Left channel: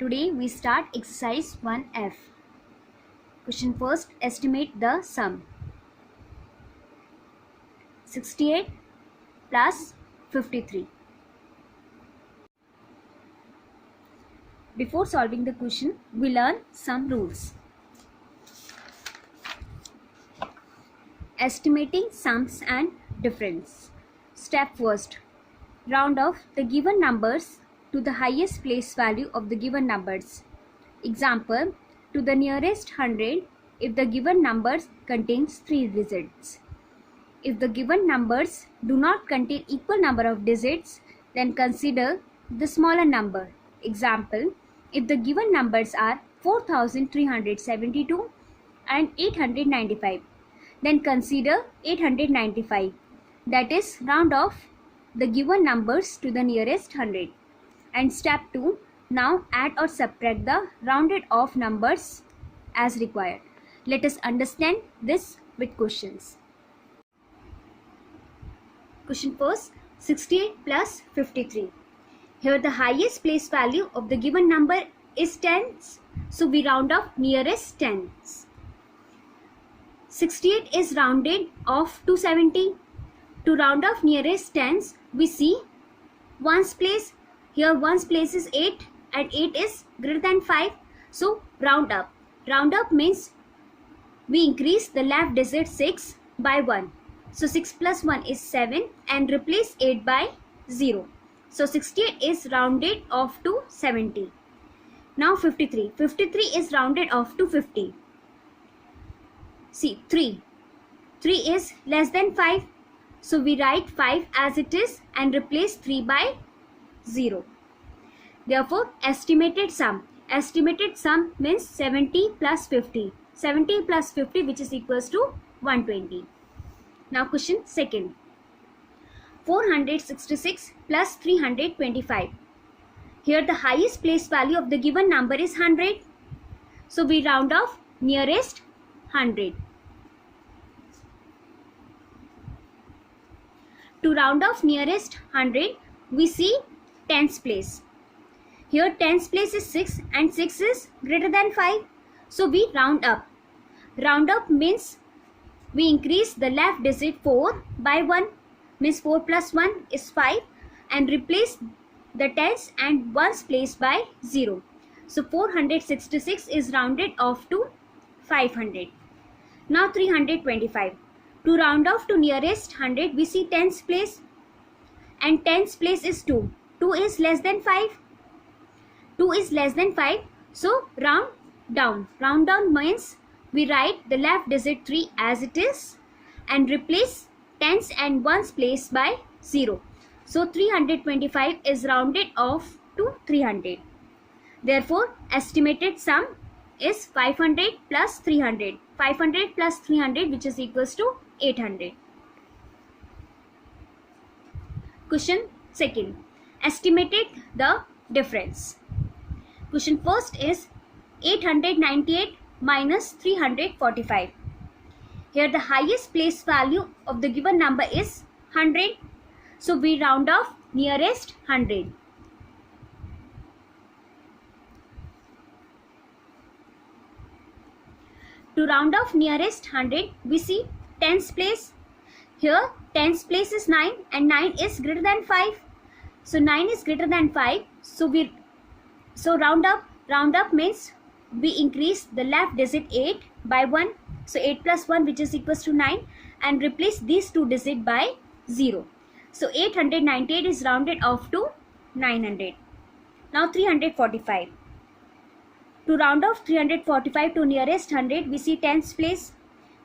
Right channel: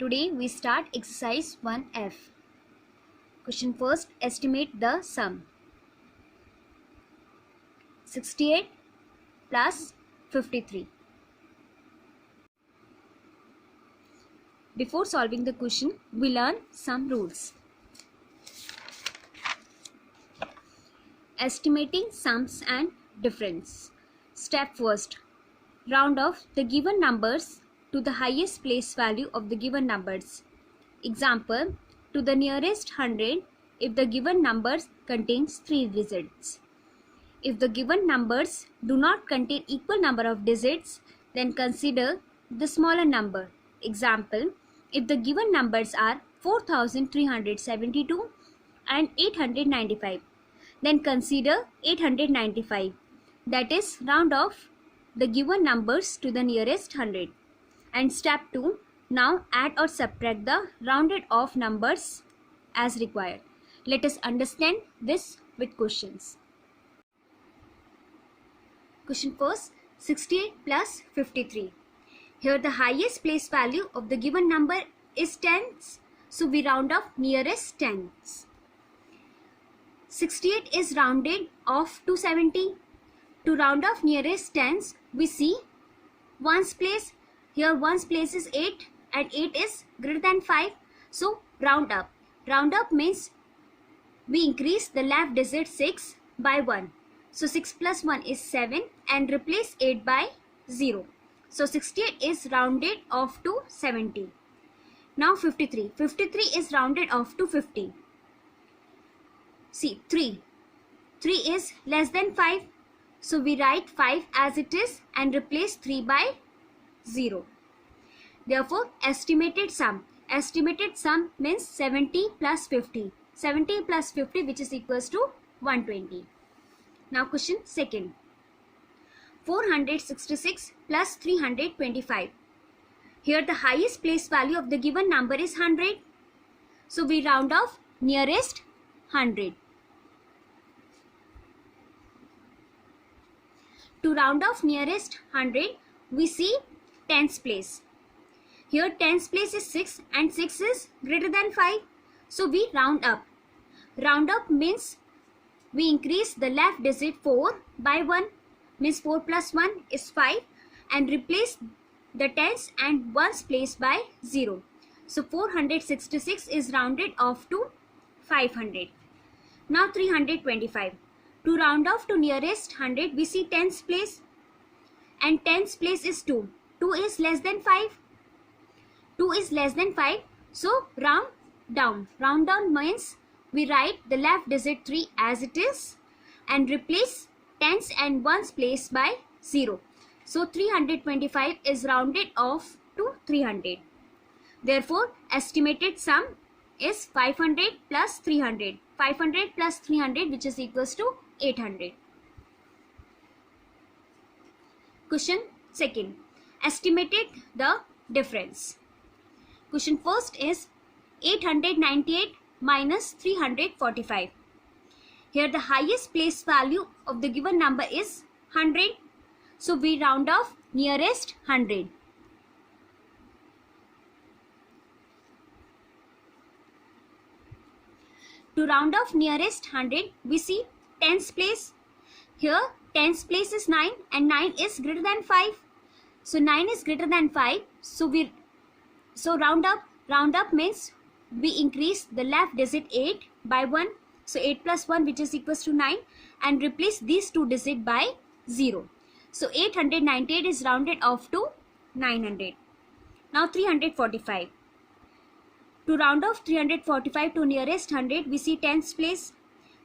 Today we start exercise 1F. Question first, estimate the sum. 68 plus 53. Before solving the question, we learn some rules. Estimating sums and difference. Step first, round off the given numbers to the highest place value of the given numbers. Example, to the nearest 100 if the given number contains 3 digits. If the given numbers do not contain equal number of digits, then consider the smaller number. Example, if the given numbers are 4372 and 895, then consider 895. That is, round off the given numbers to the nearest 100. And step 2, now add or subtract the rounded off numbers as required. Let us understand this with questions. Question first, 68 plus 53. Here the highest place value of the given number is tens, so we round off nearest tens. 68 is rounded off to 70. To round off nearest tens, we see ones place. Here ones place is 8 and 8 is greater than 5. So round up. Round up means we increase the left digit 6 by 1. So 6 plus 1 is 7 and replace 8 by 0. So 68 is rounded off to 70. Now 53. 53 is rounded off to 50. See 3. 3 is less than 5. So we write 5 as it is and replace 3 by 0. Therefore, estimated sum. Estimated sum means 70 plus 50. 70 plus 50, which is equals to 120. Now question second. 466 plus 325. Here the highest place value of the given number is 100. So we round off nearest 100. To round off nearest 100, we see tens place. Here tens place is 6 and 6 is greater than 5. So we round up. Round up means we increase the left digit 4 by 1. Means 4 plus 1 is 5 and replace the tens and ones place by 0. So 466 is rounded off to 500. Now 325. To round off to nearest 100, we see tens place and tens place is 2. 2 is less than 5. 2 is less than 5. So round down. Round down means we write the left digit 3 as it is and replace tens and ones place by 0. So 325 is rounded off to 300. Therefore, estimated sum is 500 plus 300. 500 plus 300, which is equals to 800. Question second. Estimated the difference. Question first is 898 minus 345. Here the highest place value of the given number is 100. So we round off nearest 100. To round off nearest 100, we see tens place. Here tens place is 9 and 9 is greater than 5. So 9 is greater than 5. So round up. Round up means we increase the left digit 8 by 1. So 8 plus 1, which is equals to 9, and replace these two digits by 0. So 898 is rounded off to 900. Now 345. To round off 345 to nearest 100, we see tens place.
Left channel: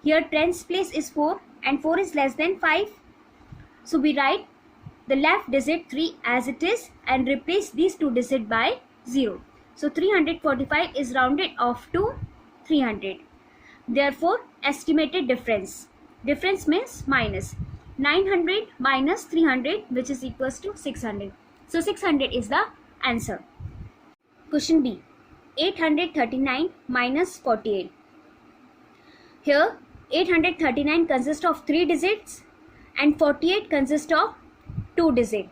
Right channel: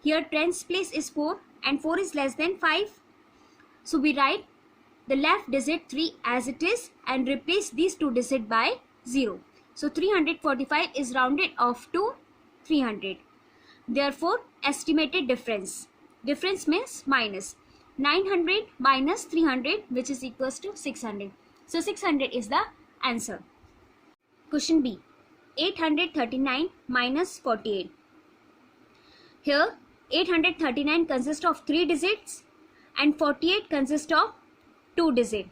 Here tens place is 4 and 4 is less than 5. So we write the left digit 3 as it is and replace these two digits by 0. So 345 is rounded off to 300. Therefore, estimated difference. Difference means minus. 900 minus 300, which is equals to 600. So 600 is the answer. Question B. 839 minus 48. Here 839 consists of 3 digits and 48 consists of 2 digits.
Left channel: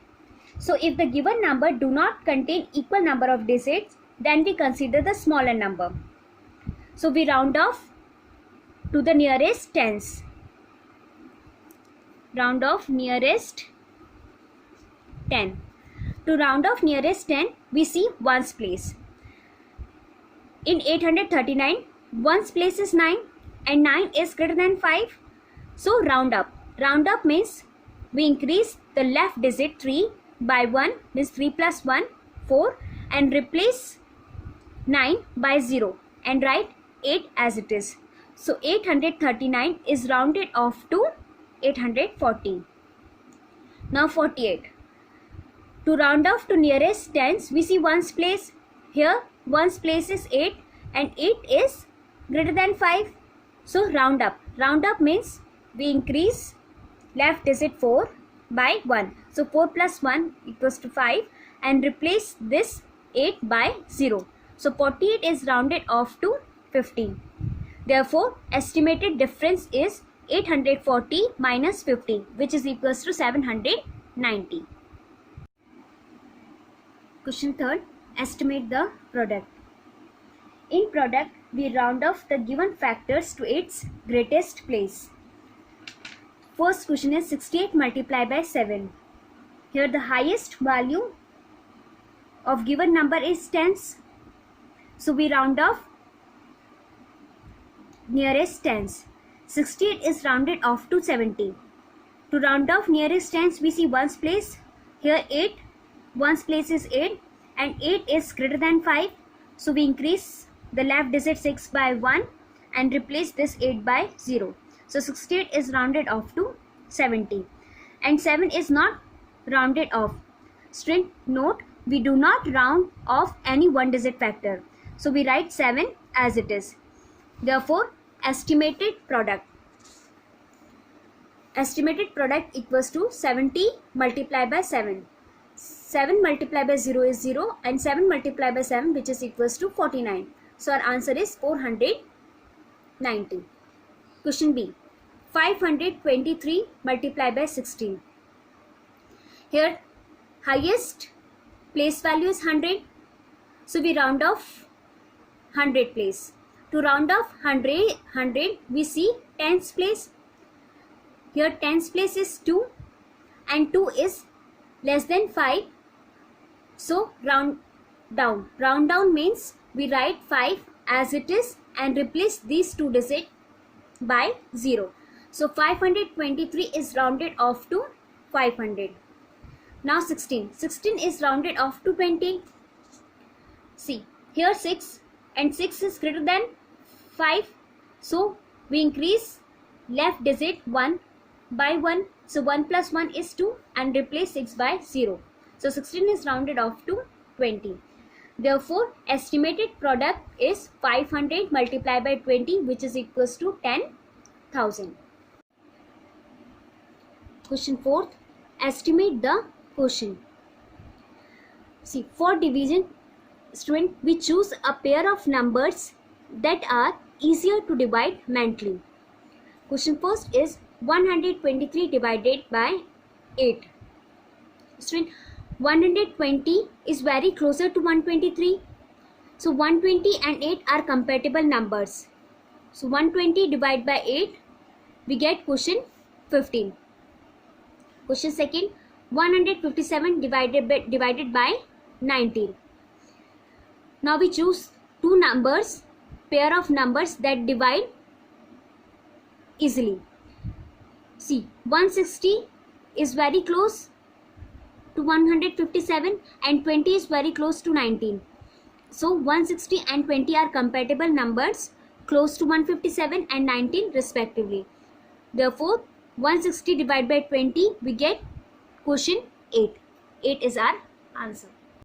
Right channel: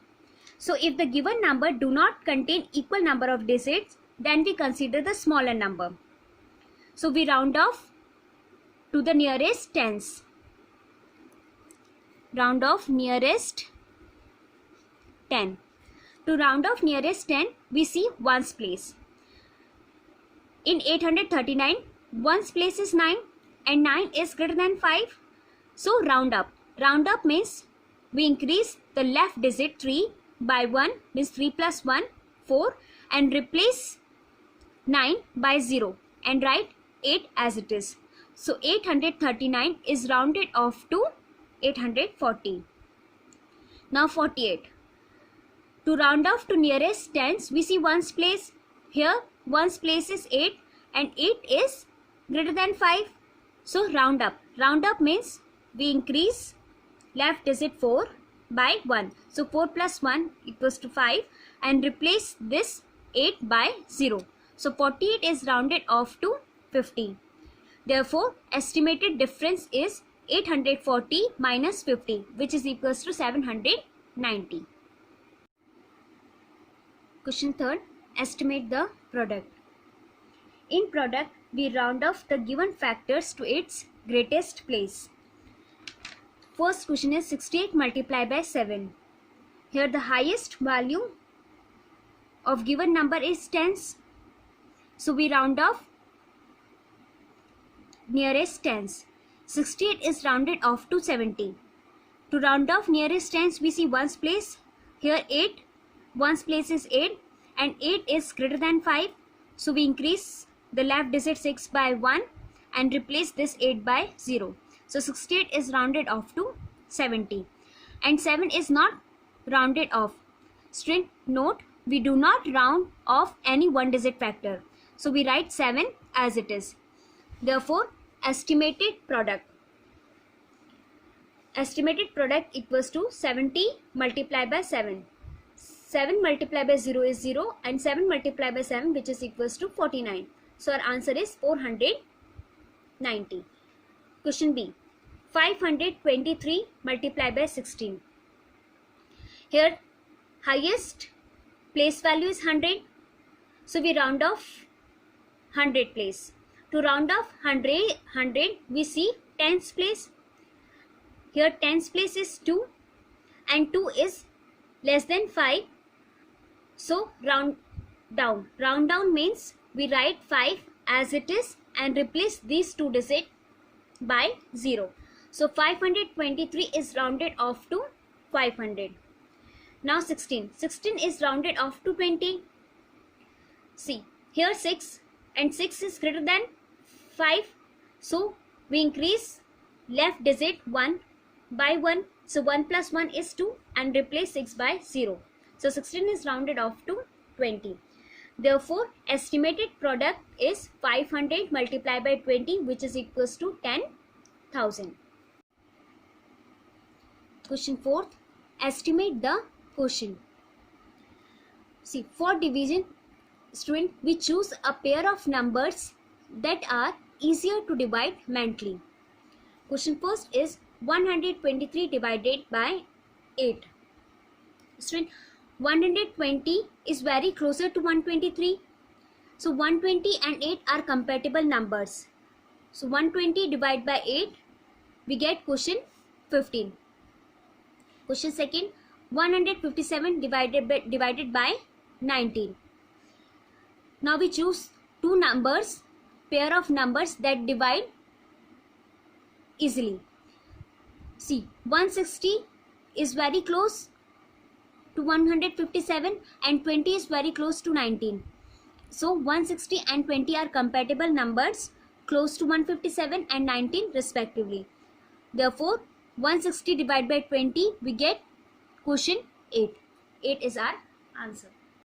So if the given number do not contain equal number of digits, then we consider the smaller number. So we round off to the nearest tens. Round off nearest 10. To round off nearest 10, we see ones place. In 839, ones place is 9 and 9 is greater than 5. So round up. Round up means we increase the left digit 3 by 1, means 3 plus 1, 4, and replace 9 by 0 and write 8 as it is. So 839 is rounded off to 840. Now 48. To round off to nearest tens, we see ones place. Here ones place is 8 and 8 is greater than 5. So round up. Round up means we increase left digit 4 by 1. So 4 plus 1 equals to 5 and replace this 8 by 0. So 48 is rounded off to 50. Therefore, estimated difference is 840 minus 50, which is equals to 790. Question third, estimate the product. In product, we round off the given factors to its greatest place. First question is 68 multiplied by 7. Here the highest value of given number is tens. So we round off nearest tens. 68 is rounded off to 70. To round off nearest tens, we see ones place. Here 8. Ones place is 8 and 8 is greater than 5. So we increase the left digit 6 by 1 and replace this 8 by 0. So 68 is rounded off to 70. And 7 is not rounded off. Student, note, we do not round off any one digit factor. So we write 7 as it is. Therefore, estimated product. Estimated product equals to 70 multiplied by 7. 7 multiplied by 0 is 0 and 7 multiplied by 7, which is equals to 49. So our answer is 490. Question B. 523 multiplied by 16. Here highest place value is 100. So we round off 100 place. To round off 100, we see tens place. Here tens place is 2 and 2 is less than 5. So round down. Round down means we write 5 as it is and replace these two digits by 0. So 523 is rounded off to 500. Now 16. 16 is rounded off to 20. See, here 6 and 6 is greater than 5. So we increase left digit 1 by 1. So 1 plus 1 is 2 and replace 6 by 0. So 16 is rounded off to 20. Therefore, estimated product is 500 multiplied by 20, which is equals to 10,000. Question 4. Estimate the quotient. See, for division, student, we choose a pair of numbers that are easier to divide mentally. Question first is 123 divided by 8. Student, 120 is very closer to 123. So 120 and 8 are compatible numbers. So 120 divided by 8, we get quotient 15. Question second, 157 divided by 19. Now we choose two numbers, pair of numbers that divide easily. See, 160 is very close to 157 and 20 is very close to 19. So 160 and 20 are compatible numbers close to 157 and 19 respectively. Therefore, 160 divided by 20, we get quotient 8. 8 is our answer.